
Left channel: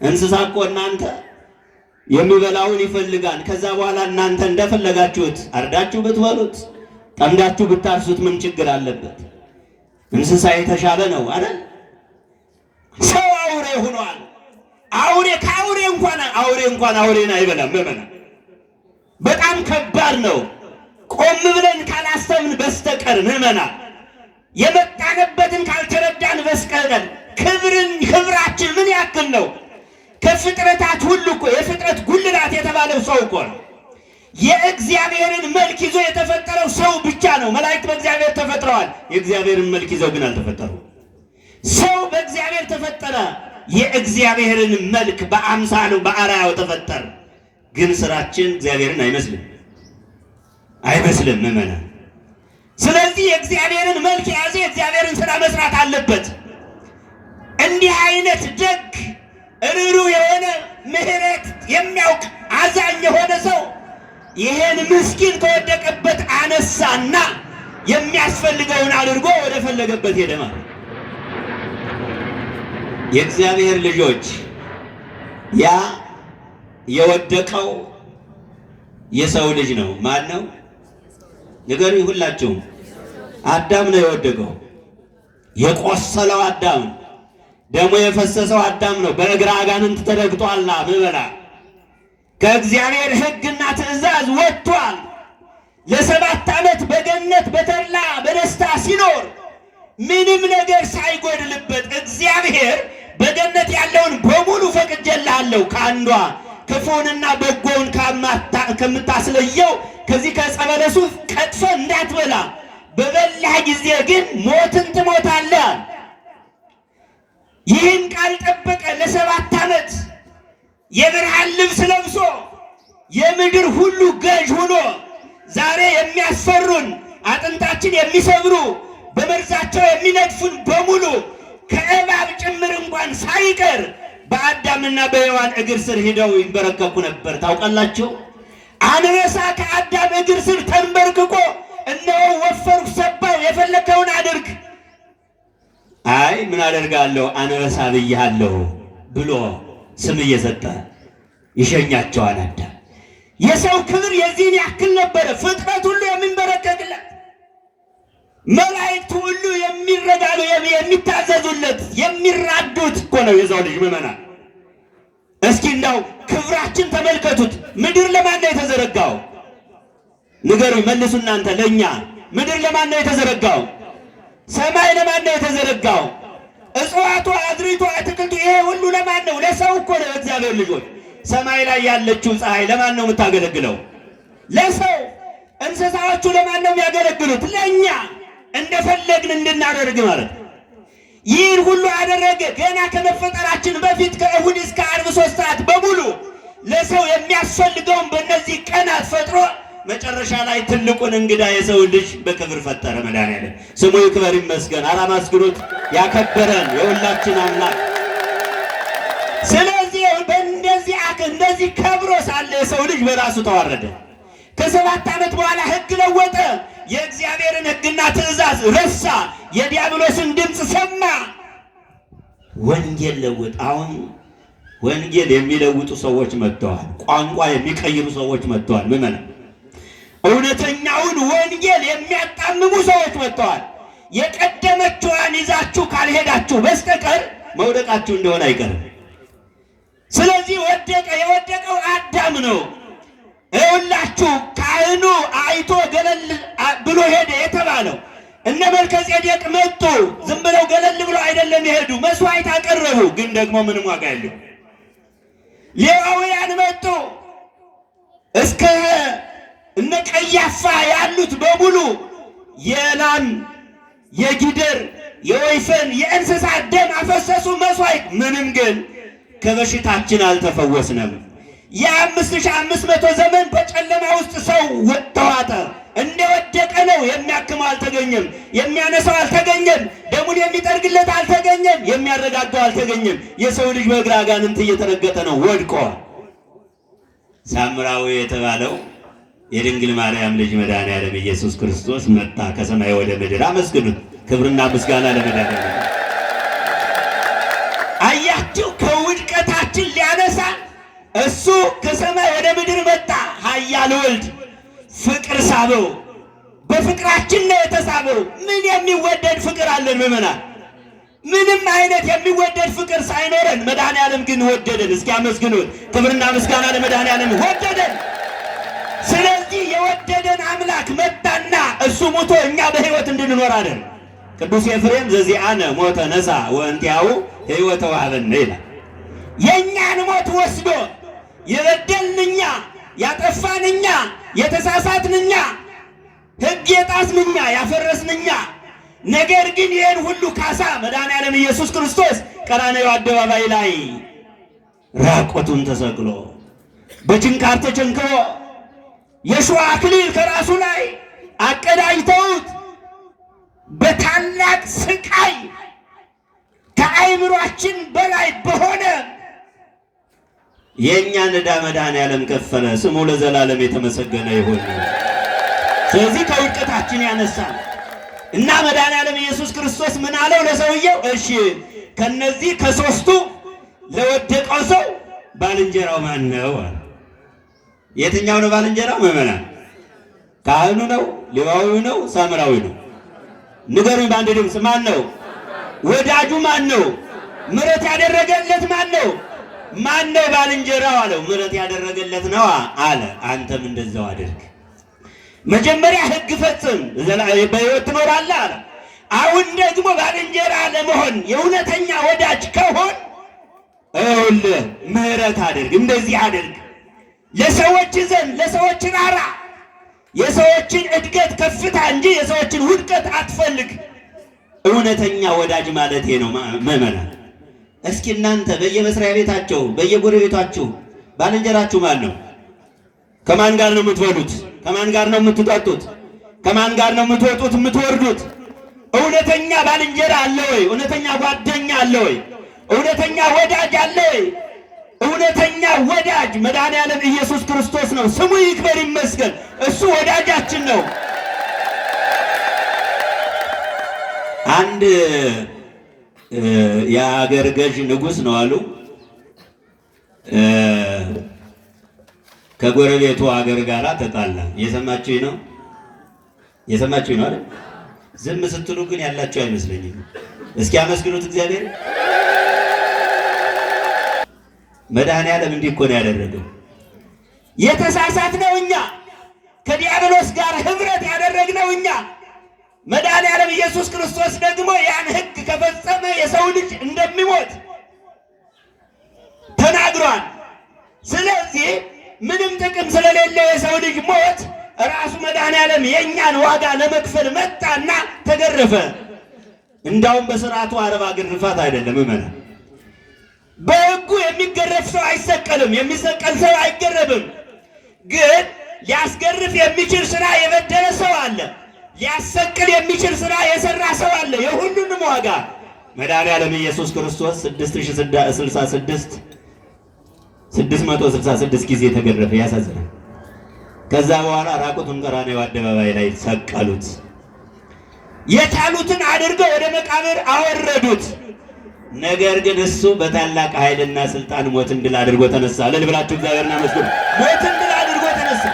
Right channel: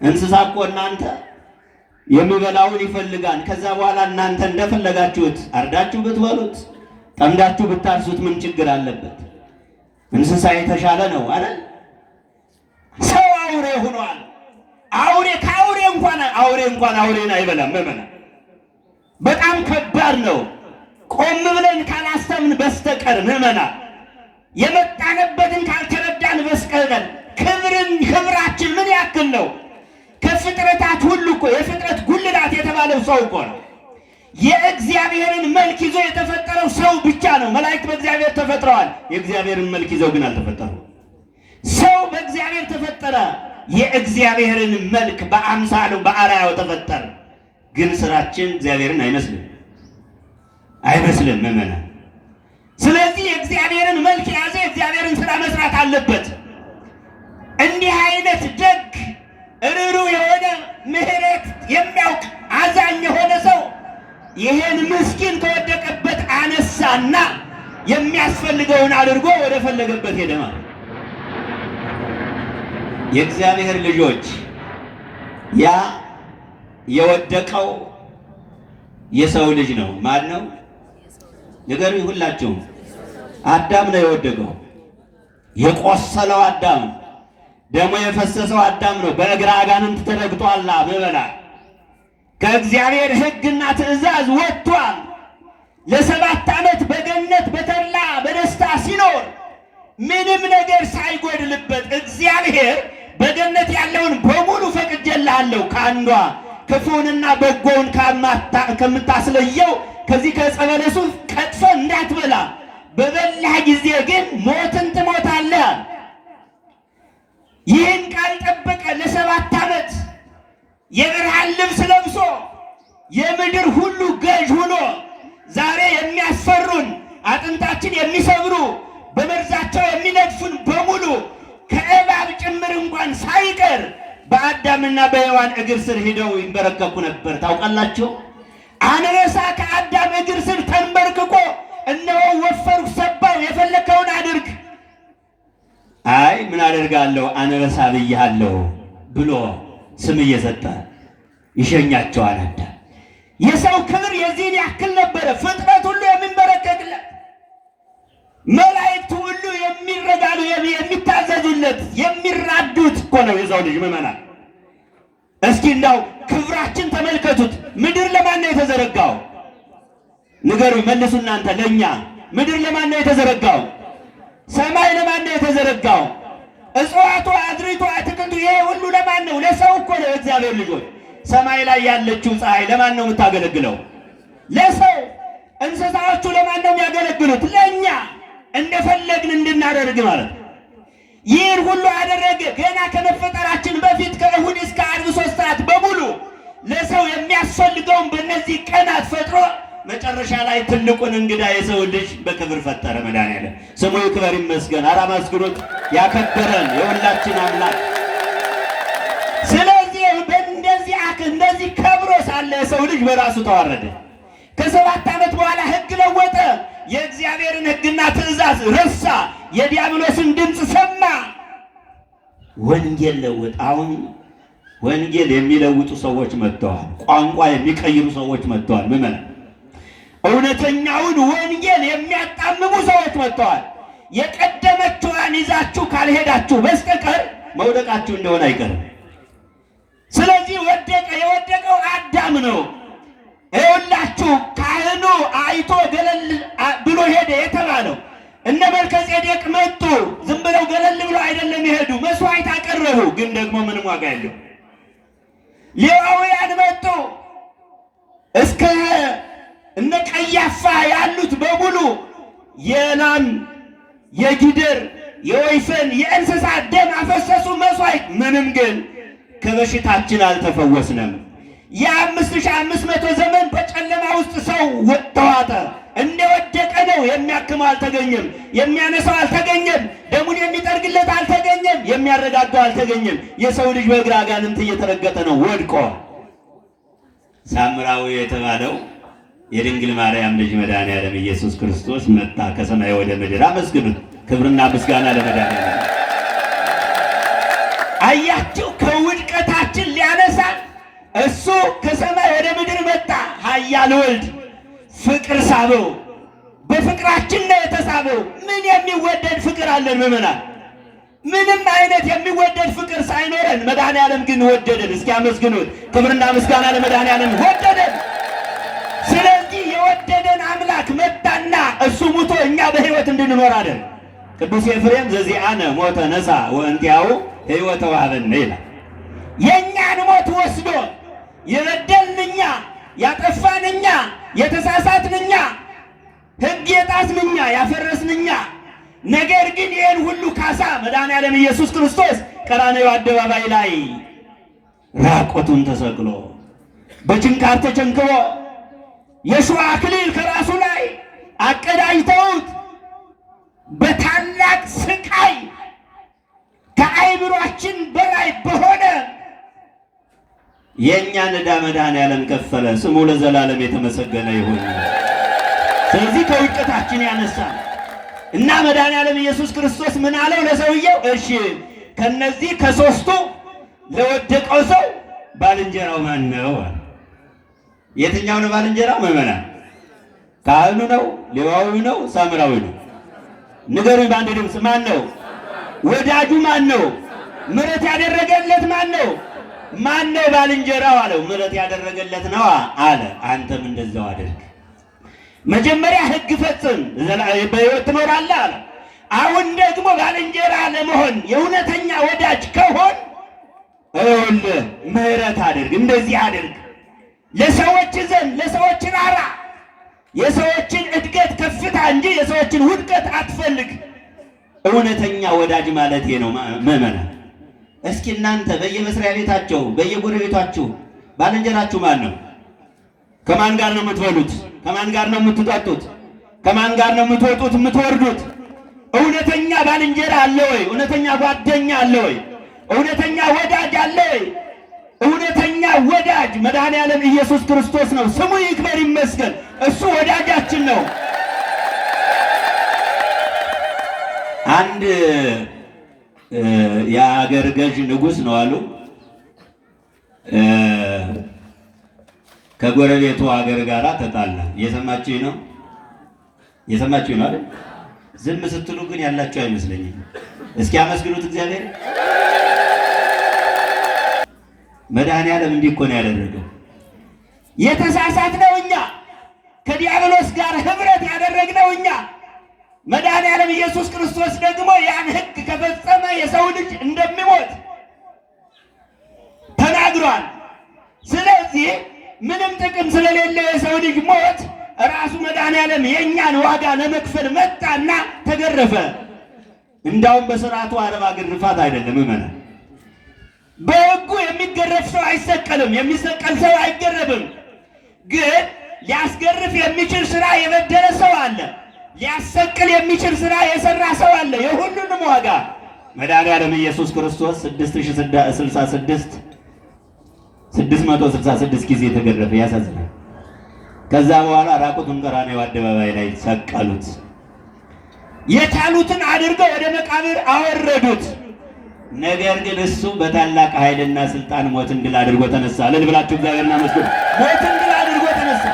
እንስሳ እኮ እናንተ የሚበላውን ይፈልጋል። ከዛ በኋላ እናንተ እንደፈለጋችሁት አርዳችሁ ብትበሉት፣ ጠምዳችሁ ብታርሱት ምን ችግር አለበት? እንስሳ የተሻለ ነው አይደል? ሰው አውሬ ሆኗል። አውሬ ከአውሬ እንኳን አውሬን አይበላም። በጣም ከባድ ነው። ቆም ብለን ካላሰብን በስተቀር ምዕመናን፣ የመጣንበትን ካልተረዳን በስተቀር ክብራችን ምን ያክል ነው? ከፍጥረታት ሁሉ እኮ የፍጥረት ጉልላት የተባለው ሰው እኮ ነው። የእግዚአብሔርን መልክ ይዞ የተፈጠረው ሰው ብቻ ነው። መላእክት በእግዚአብሔር ተፈጥረዋል፣ የእግዚአብሔርን መልክ ይዘው ግን አልተፈጠሩም። ሰው በእግዚአብሔር ተፈጠረ፣ የእግዚአብሔርን መልክ በአምሳሉ በአርአያው ተፈጠረ። ግን ስራችን እግዚአብሔርን አይመስልም ምዕመናን። ስለዚህ የእግዚአብሔርን መልክ የያዘ የእግዚአብሔርን ስራ መስራት አለበት። እንዲህ አይነት ደግ ርኅሩህ የሆነ ምሕረት የሚያውቅ አዛኝ የሆነ ሰው ይሄን ምስኪን ከወደቀበት አነሳና የሚያስፈልገውን አድርጎ ወደ ፈለገበት ሄደ ማለት። የእግዚአብሔር ልጆች ያ የወደቀው የሰው ልጅ ነው። ማን ነው? ንገሩኝ ሁላችሁም። አዳም ነው የወደቀው። የቆሰለው አዳም፣ ደሙ የፈሰሰው አዳም ነው። በእግረ አጋንንት ተረግጧል። ምዕመና ከእግዚአብሔር ሕግና ትእዛዝ ወጥቷል። ለ7 ዓመት በገነት በተድላ በደስታ ሲኖር ምንም ነገር ሳይጎድልበት እግዚአብሔር በገነት ያለውን በሙሉ ፈቅጄልሃለሁ፣ ከአንዷ ክፉንና በጎውን ከምታስለየው ከዚህ ከዕፀ በለሱ ቀጥፎ እንዳትበላ፣ በበላህ ጊዜ ግን ሞትን ትሞታለህ። ይህን ቃል ጠበቀ። ለ7 ዓመት የብርሃን ልብስ ለብሶ የምድር ሁሉ ገዥ ሆኖ ዛሬ የሚያስፈሩን አጥንታችን የሚሰብሩ በመርዛቸው የሚነድፉን በሙሉ ከእባብ ጭምር እንኳን ሳይቀር በአዳምና በሔዋን እግር ስር ሂደው ይንበረከኩ ነበር። ታውቃላችሁ? አንበሳ ከአዳም እግር ስር ተንበርክኮ እነሆ ወፈርኩ፣ ሰባው፣ የፈለከውን አድርግ፣ አይ ምን አደርጋለሁ አንበሳ ብያለሁ ብሎ ስም እየሰጠ ይሸኛቸዋል አዳም። የሰው ክብር የዚህን ያክል ነበረ። ፍጥረት ሁሉ የሚንበረከክለት፣ መላእክት ሁሉ የሚረጋሉ፣ የሚታዘዙለት፣ የሚራዱት እኮ ነው የሰው ልጅ። ምዕመናን እስኪ እንዳው ክብራችን ተመልከቱት። ምድር ለማን ነው የተዘረጋው? ንገሩኝ፣ መልሱ እናንተ ለኛ። ምድር ለማን ነው የተዘረጋው? ሰማይ ለማን ነው የተዘረጋው? እጽዋቱ፣ አዝሪቱ፣ አትክልቱ ይሄ ሁሉ ለማን ነው? ለሰው እኮ ነው። እግዚአብሔር ልጆች፣ ሰማይ ላይ ያለችው ፀሐይ ለማን ነው የምታገለግለው? ለሰው። እንስሳዎቹ ለማን ነው የሚያገለግሉት? ለኛ፣ እንደፈለግን እንድናደርግ ማለት ነው። ይህን ሁሉ አደረገ። ገና ከመፈጠራችን በፊት ከእሁድ እስከ ዓርብ 3 ሰዓት በሙሉ ለሰው የሚያስፈልገውን በእነዚህ ቀናት ፈጥሮ መጨረሻ ላይ ትልቁን እንግዳ የሰው ልጅ በክብር ፈጠረ። መድኃኒዓለም ስሙ ይክበር ይመስገን። ኧረ አመስግኑት። ያከበረን የሁላችን አምላክ። ስለዚህ እንደዚህ ከብሮ ሳለ የሰው ልጅ በራሱ ተዋረደ። ከ7 ዓመት በኋላ ሕግ ለወጠ። የእግዚአብሔርን ሕግና ትእዛዝ ረሳ። የዲያብሎስን ድምፅ ሰማ። ወንጌል ለወጠ። አሁን ወንጌል የሚለውጡ ሰዎች መጥተዋል። ቋንቋ የሚቀይሩ ሰዎች መጥተዋል። ምመና እውነተኛውን ወንጌል የሚያጣምሙ ሰዎች መጥተዋል። የቀደመችዋን ይዛችሁ ካልሄዳችሁ በስተቀር መውደቃችሁ እንደሆነ አይቀርም። ስለዚህ ወደቀ። የወደቀው አዳም ነው። ይኸውላችሁ ካህኑ አይቶ ገለል ብሎ ሄደ የተባለው እነ መልከጼዴቅ መጡ። ዝም ብለው ገለል ብሎ አይደለም የሄዱ፣ መስዋዕት አቀረቡ። ግን ደግሞ ምንም ዋጋ የለው። ሌዋውያን መጡ። እስከ እነ ቀያፋ ያሉት በሙሉ የላም የጊደር የወይፈን የእንስሳት ደም አፈሰሱ መስዋዕት። ምንም ግን ከበሽታችን አልተፈወስንም። የ5500 ዘመን በጨለማ ውስጥ ሰው ተዋጠ። እንደወደቀ ነው። የሚያክመው አልተገኘም፣ የሚያነሳው አልተገኘም፣ ደሙን የሚጠርግለት አልተገኘም፣ የሚያረጋጋው አልተገኘም። የሰው ልጅ በእግረ አጋንንት እየተረገጠ ነው፣ ወድቆ። ሳምራዊ የተባለው የድንግል ማርያም ልጅ መድኃኒዓለም ኢየሱስ ክርስቶስ መጣ ከሰማይ ወደ ምድር። አመስግኑት። ክብርና ምስጋና ለመድኃኒዓለም። አያችሁ፣ ከውድቀታችን ሊያነሳን እሱ ከሰማይ ወደ ምድር መጣ። ኃያል ወልድ ፍቅር ሳበው። በፍቅራችን ነው የተሳበው። ምን የሚወደድ ፍቅር አለን ምዕመናን? ምንም አይነት የሚወደድ ፍቅር ሳይኖረን መድኃኒዓለም ግን ወደደን። እስኪ አመስግኑት። ክብርና ምስጋና ለመድኃኒዓለም። ወደደን። ስለዚህ የወደደን አምላክ መጣና እሱ ሙቶ እኛ በሕይወት እንድንኖር አለን። ቅዱስ ኤፍሬም ዘዚአነ ሞተ ነሣ ወእንቲአሁ ሕይወተ ወሀበነ ይላል። የእኛን ሞት ወስዶ የበደልን እኛ፣ ያጠፋን እኛ፣ የተሳሳትን እኛ፣ ሕግ የጣስን እኛ፣ ያፈረስን እኛ፣ ነገር ግን ይህን ሁሉ ካሳ መድኃኒዓለም ኢየሱስ ክርስቶስ ቀራንዮ አደባባይ ላይ ራቆቱን ተሰቅሎ በችንካር ተቸንክሮ የሸዋ አክሊል ከራሱ ላይ አቀዳጅተውት በታላቅ ስቃይ ከአይምሯችን በላይ በሆነ የእኛን ዕዳ መድኃኒዓለም ከፈለ። ስሙ ለዘላለም የተመሰገነ ይሁን። ስለዚህ ከውድቀታችን ያነሳል እና መድኃኒዓለም ኢየሱስ ክርስቶስ ምን አለው ለሰውየው? እሺ ከነዚህ ከሦስቱ ለወደቀው ሰው ባልንጀራው ማን ነው? የትኛው ነው ባልንጀራው? ምዕመናን፣ ካህኑ ነው? ሌዋዊው ነው? ሳምራዊ ነው? ንገሩኝ በአንድ ድምፅ። ማን ነው? ወዳጁ ማን ነው? ምሕረት ያደረገለት ማን ነው? ማን ነው ባልንጀራው አለው። ምሕረት ያደረገለት ነው አለ። አንተም እንደዛው አድርግ። መጀመሪያ ሕግ ፈጽም በሕይወት ትኖራለህ አለ። አሁን ደግሞ ባልንጀራ ለመሆን የእውነተኛ ወዳጅ ከሆን ይኸውልህ ምሕረት አድርግ፣ እንደዚህ አድርግ። ለሰዎች ዘንድ ለሰዎች ራራ። የሰዎችን እድገት ከፍታ እንጂ የሰዎችን ውድቀት አትፈልግ። እውነተኛ ወዳጅ ማለት ነው ምዕመናን። እስኪ እናንተ በየመስሪያ ቤታቸው በየጎረቤታችሁ ባልንጀራችሁ ማን ነው? ከማን ጋር ነው የምትበሉት? ከማን ጋር ነው የምትጠጡት? ከማን ጋር ነው የምትወጡት የምትወርዱት? እውነተኛ ባልንጀራ አለ ወይ? እውነተኛ ጓደኛ አለ ወይ? እውነተኛ ወዳጅ አለ ወይ? እውነተኛ ወዳጅ መድኃኒዓለም ኢየሱስ ክርስቶስ ነው። ስሙ ይክበር ይመስገን። እሱ ወዳጃችን ነው። አንድ የአገር ገዥ ንጉሥ ነው አሉ። ከጎረቤቱ አገር ጋር ተጣላ። የሰማችሁኝ ነው? የሰማችሁኝ ነው አይደል? ዝም ስትሉ ግን ያላችሁ አይመስለኝም። እስኪ አመስግኑት እግዚአብሔር። መድኃኒዓለም እንዲህ እኮ ነው ያደረገው። የተሳሳትነው እኛ፣ ከዲያብሎስ ጋር ህብረት ያደረግነው እኛ። መድኃኔዓለም ኢየሱስ ክርስቶስ ደግሞ ያን ሕግ ከፈጸመ የሰው ልጅ እንደሚሞት ተናግሯል። ስለዚህ ምንም ጥቅም ስለሌለው የሰው ልጅ ሞት ራሱ መድኃኔዓለም የእኛን ዋጋ ለመክፈል መጣና ተገረፈ። እንዳውም በስርዓቱ አርባ ግርፋት አይደለም እመና። በሕጉ የሚገረፍ ሰው አይሰቀልም፣ የሚሰቀል ሰው አይገረፍም። ግን ሊያስገርፍ የሚችል ስራ የበደለ ሰው አለ፣ ሊያሰቅል የሚችል ስራ የሰራ ሰው አለ። የሁሉንም ዋጋ መድኃኔዓለም ኢየሱስ ክርስቶስ 666 ጊዜ ተገረፈ። ያሳዝናል። ከዛ በኋላ ራቁቱን ቀራንዮ አደባባይ ላይ ሰቀሉት። የቻሉትን አድርገው ወደ መቃብር አወረዱት። ነገር ግን እሱ በታላቅ ኃይልና ስልጣን ሞትን ድል አድርጎ ተነሳ። እልል ብላችሁ እግዚአብሔርን አመስግኑ። ሞትን ድል አድርጎ ተነሳ።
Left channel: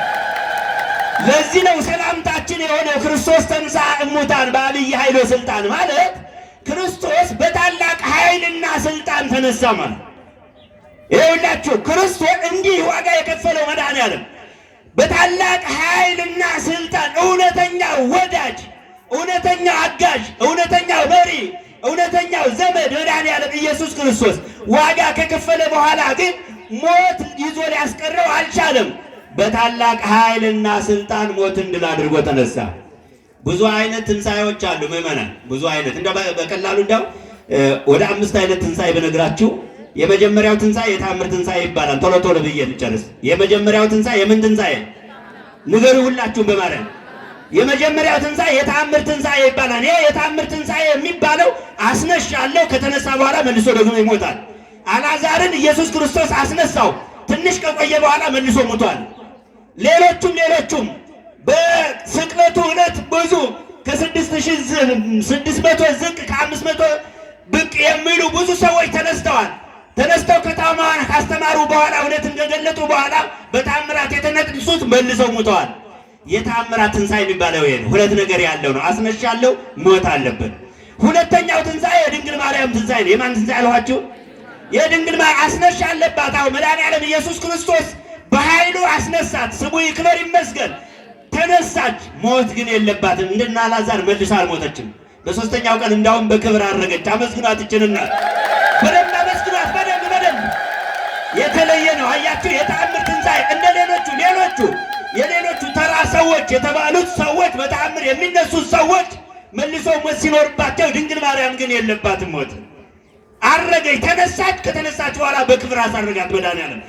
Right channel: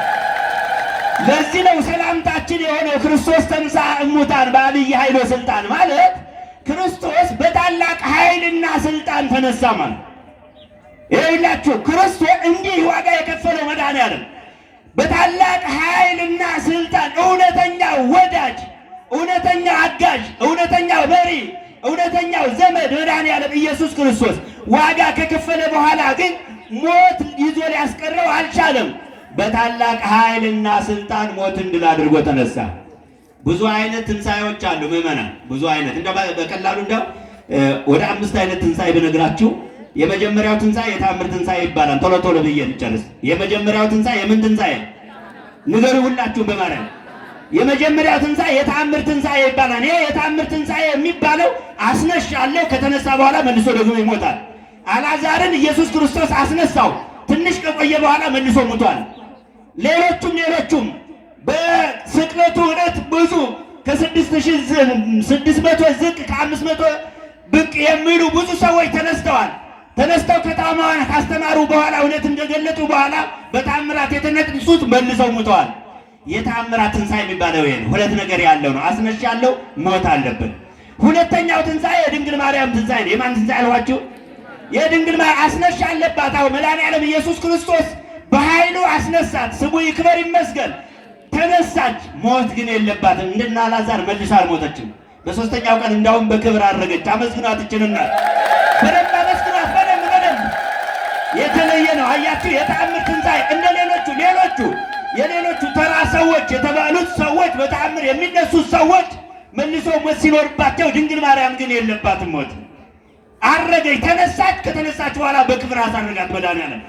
ለዚህ ነው ሰላምታችን የሆነው ክርስቶስ ተንሥአ እሙታን በዐቢይ ኃይል ወሥልጣን ማለት ክርስቶስ በታላቅ ኃይልና ስልጣን ተነሳ ማለት። ይኸውላችሁ ክርስቶስ እንዲህ ዋጋ የከፈለው መድኃኔዓለም በታላቅ ኃይልና ስልጣን እውነተኛው ወዳጅ፣ እውነተኛው አጋዥ፣ እውነተኛው መሪ፣ እውነተኛው ዘመድ መድኃኔዓለም ኢየሱስ ክርስቶስ ዋጋ ከከፈለ በኋላ ግን ሞት ይዞ ሊያስቀረው አልቻለም። በታላቅ ኃይልና ስልጣን ሞትን ድል አድርጎ ተነሳ። ብዙ አይነት ትንሣኤዎች አሉ ምዕመናን፣ ብዙ አይነት በቀላሉ እንደው ወደ 5 አይነት ትንሣኤ ብነግራችሁ፣ የመጀመሪያው ትንሣኤ የተአምር ትንሣኤ ይባላል። ቶሎ ቶሎ ብዬ ልጨርስ። የመጀመሪያው ትንሣኤ የምን ትንሣኤ ንገሩ ሁላችሁም በማርያም። የመጀመሪያው ትንሣኤ የተአምር ትንሣኤ ይባላል። ይሄ የተአምር ትንሣኤ የሚባለው አስነሻለሁ ከተነሳ በኋላ መልሶ ደግሞ ይሞታል። አልዓዛርን ኢየሱስ ክርስቶስ አስነሳው። ትንሽ ከቆየ በኋላ መልሶ ሞቷል። ሌሎቹም በስቅለቱ ዕለት ብዙ ከ6600 ዝቅ ከ500 ብቅ የሚሉ ብዙ ሰዎች ተነስተው ከተማዋን ካስተማሩ በኋላ እውነት እንደገለጡ በኋላ በታምራት የተነሱት መልሰው ሞተዋል። የተአምራት ትንሣኤ የሚባለው ይሄ ነው። ሁለት ነገር ያለው ነው። አስነሻለሁ፣ ሞት አለበት። ሁለተኛው ትንሣኤ የድንግል ማርያም ትንሣኤ ነው። የማን ትንሣኤ አልኋችሁ? የድንግል ማርያም አስነሻ አለባት። አዎ መድኃኔዓለም ኢየሱስ ክርስቶስ በኃይሉ አስነሳት። ስሙ ይክበር ይመስገን። ተነሳች። ሞት ግን የለባትም። እንደና አልዓዛር መልሳ አልሞተችም። በሶስተኛው ቀን እንዳውም በክብር አረገች። አመስግኗት ይችላልና በደንብ አመስግኗት። በደንብ የተለየ ነው። አያችሁ የተአምር ትንሣኤ እንደ የሌሎቹ ተራ ሰዎች የተባሉት ሰዎች በተአምር የሚነሱት ሰዎች መልሶ ሞት ሲኖርባቸው፣ ድንግል ማርያም ግን የለባትም ሞት። አረገች፣ ተነሳች። ከተነሳች በኋላ በክብር አሳረጋት መድኃኔዓለም።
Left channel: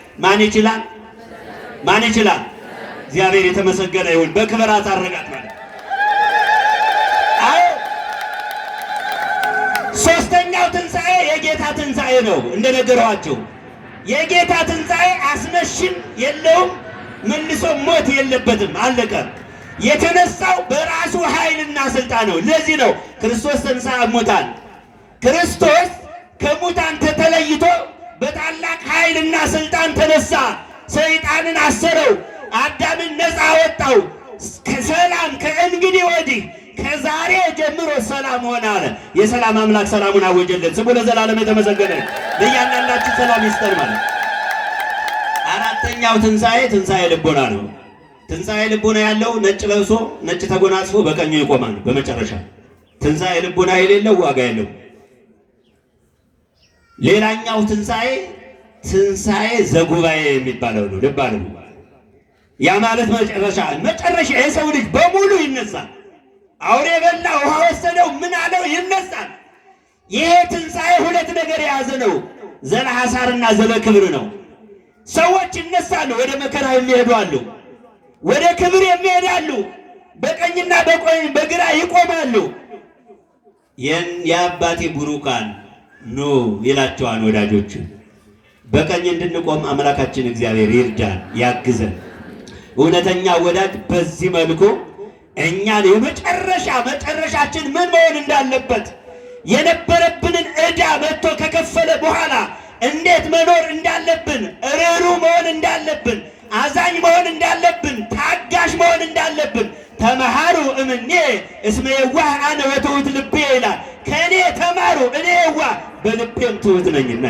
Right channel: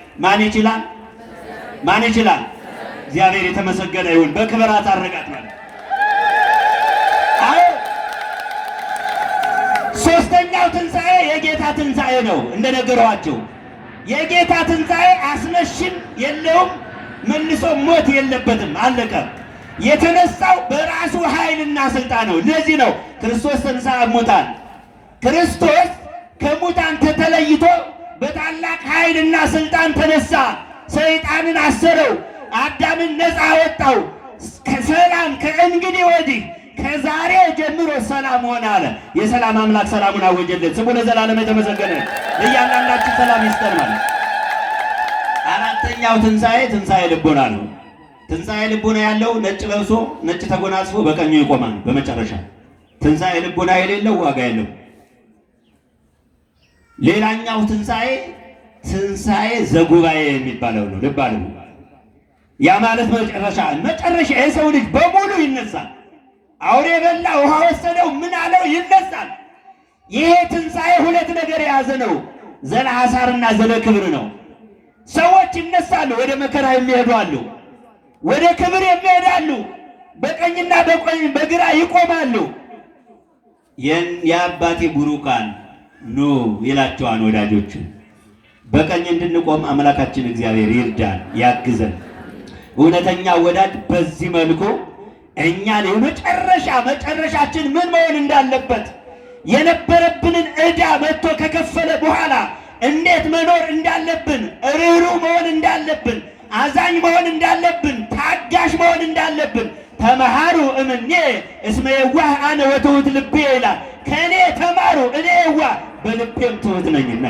ማን ይችላል? እግዚአብሔር የተመሰገነ ይሁን። በክብር አሳረጋት ማለት። አዎ ሶስተኛው ትንሣኤ የጌታ ትንሣኤ ነው። እንደነገረዋችሁ የጌታ ትንሣኤ አስነሽም የለውም፣ መልሶ ሞት የለበትም። አለቀ። የተነሳው በራሱ ኃይልና ስልጣን ነው። ለዚህ ነው ክርስቶስ ተንሥአ እሙታን። ክርስቶስ ከሙታን ተለይቶ በታላቅ ኃይልና ስልጣን ተነሳ። ሰይጣንን አሰረው፣ አዳምን ነፃ አወጣው። ከሰላም ከእንግዲህ ወዲህ ከዛሬ ጀምሮ ሰላም ሆነ አለ። የሰላም አምላክ ሰላሙን አወጀልን። ስሙ ለዘላለም የተመሰገነ። ለእያንዳንዳችሁ ሰላም ይስጠን ማለት። አራተኛው ትንሣኤ ልቦና ነው። ትንሣኤ ልቦና ያለው ነጭ ለብሶ ነጭ ተጎናጽፎ በቀኙ ይቆማል። በመጨረሻ ትንሣኤ ልቦና የሌለው ዋጋ የለው። ሌላኛው ትንሣኤ ዘጉባኤ የሚባለው ነው። ልብ አሉ። ያ ማለት መጨረሻ የሰው ልጅ በሙሉ ይነሳል። አውሬ በላ ውሃ ወሰደው ምን አለው ይነሳል። ይሄ ትንሣኤ ሁለት ነገር የያዘ ነው። ዘለሐሳርና ዘለክብር ነው። ሰዎች ይነሳሉ። ወደ መከራ የሚሄዱ አሉ፣ ወደ ክብር የሚሄዳሉ። በቀኝና በግራ ይቆማሉ። የአባቴ ቡሩካን ኑ ይላቸዋል ወዳጆቹ። በቀኝ እንድንቆም አምላካችን እግዚአብሔር ይርዳን፣ ያግዘን። እውነተኛ ወዳጅ በዚህ መልኩ እኛን መጨረሻችን ምን መሆን እንዳለበት የነበረብንን ዕዳ መጥቶ ከከፈለ በኋላ እንዴት መኖር እንዳለብን፣ ርኅሩህ መሆን እንዳለብን፣ አዛኝ መሆን እንዳለብን፣ ታጋሽ መሆን እንዳለብን ተመሃሩ እምኔ እስመ የዋህ አነ ወትሑት ልቤ ይላል። ከእኔ ተማሩ እኔ የዋህ በልቤም ትሑት ነኝና።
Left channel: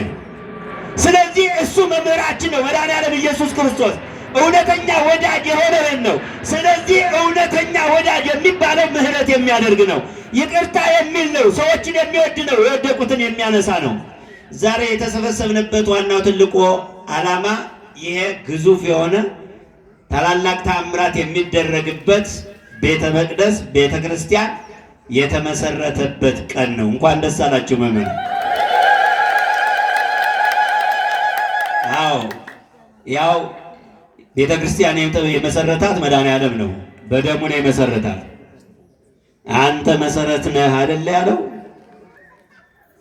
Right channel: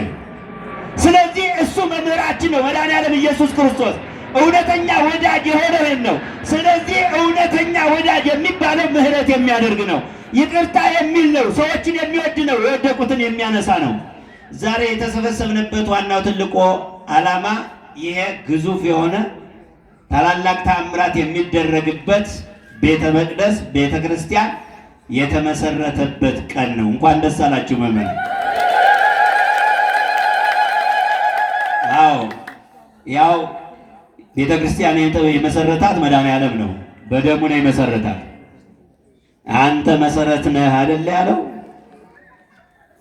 ስለዚህ እሱ መምህራችን ነው። መድኃኔዓለም ኢየሱስ ክርስቶስ እውነተኛ ወዳጅ የሆነን ነው። ስለዚህ እውነተኛ ወዳጅ የሚባለው ምሕረት የሚያደርግ ነው፣ ይቅርታ የሚል ነው፣ ሰዎችን የሚወድ ነው፣ የወደቁትን የሚያነሳ ነው። ዛሬ የተሰበሰብንበት ዋናው ትልቁ ዓላማ ይሄ ግዙፍ የሆነ ታላላቅ ተአምራት የሚደረግበት ቤተ መቅደስ ቤተ ክርስቲያን የተመሰረተበት ቀን ነው። እንኳን ደስ አላችሁ ምእመናን። ያው ቤተ ክርስቲያን የመሰረታት መድኃኔዓለም ነው። በደሙ ነው የመሰረታት። አንተ መሰረት ነህ አይደል ያለው።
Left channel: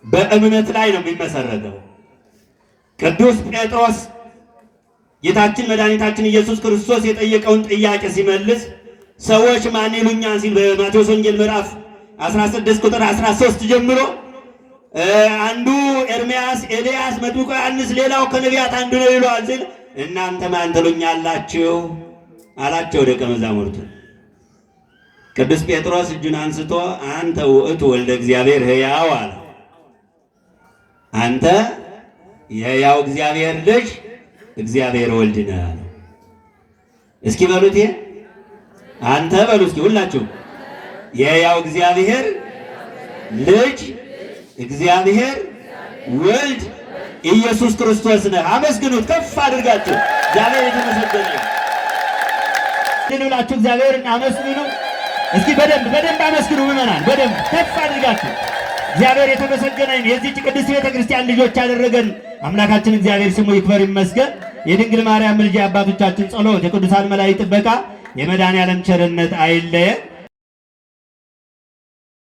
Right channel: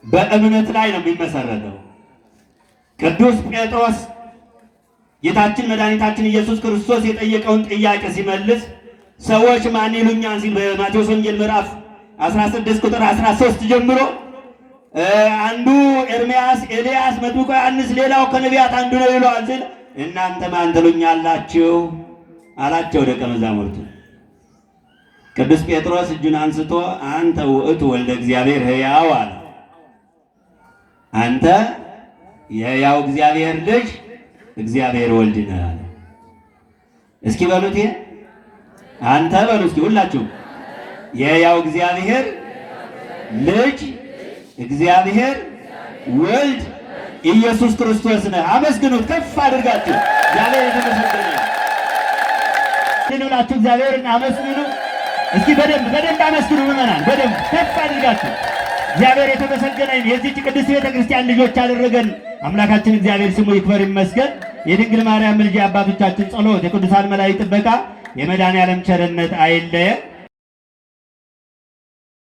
በእምነት ላይ ነው የሚመሰረተው። ቅዱስ ጴጥሮስ ጌታችን መድኃኒታችን ኢየሱስ ክርስቶስ የጠየቀውን ጥያቄ ሲመልስ ሰዎች ማን ይሉኛል ሲል በማቴዎስ ወንጌል ምዕራፍ 16 ቁጥር 13 ጀምሮ አንዱ ኤርምያስ፣ ኤልያስ፣ መጥምቁ ዮሐንስ፣ ሌላው ከነቢያት አንዱ ነው ይሏል ሲል እናንተ ማን ትሉኛላችሁ አላቸው ደቀ መዛሙርቱ። ቅዱስ ጴጥሮስ እጁን አንስቶ አንተ ውእቱ ወልደ እግዚአብሔር ሕያው አለ። አንተ የሕያው እግዚአብሔር ልጅ እግዚአብሔር ወልድ ነህ አለ። እስኪ በሉት አንተ በሉ እስኪ ሁላችሁ የሕያው እግዚአብሔር ልጅ እግዚአብሔር ወልድ ኢየሱስ ክርስቶስ ነህ። አመስግኑት ከፍ አድርጋችሁ። እግዚአብሔር የተመሰገነ ይሁንላችሁ። እግዚአብሔርን አመስግኑ እስኪ በደንብ አመስግኑ ምእመናን፣ በደንብ ከፍ አድርጋችሁ። እግዚአብሔር የተመሰገነ የዚህች ቅድስት ቤተ ክርስቲያን ልጆች ያደረገን አምላካችን እግዚአብሔር ስሙ ይክበር ይመስገን። የድንግል ማርያም ልጅ፣ የአባቶቻችን ጸሎት፣ የቅዱሳን መላእክት ጥበቃ፣ የመድኃኔዓለም ቸርነት አይለየን።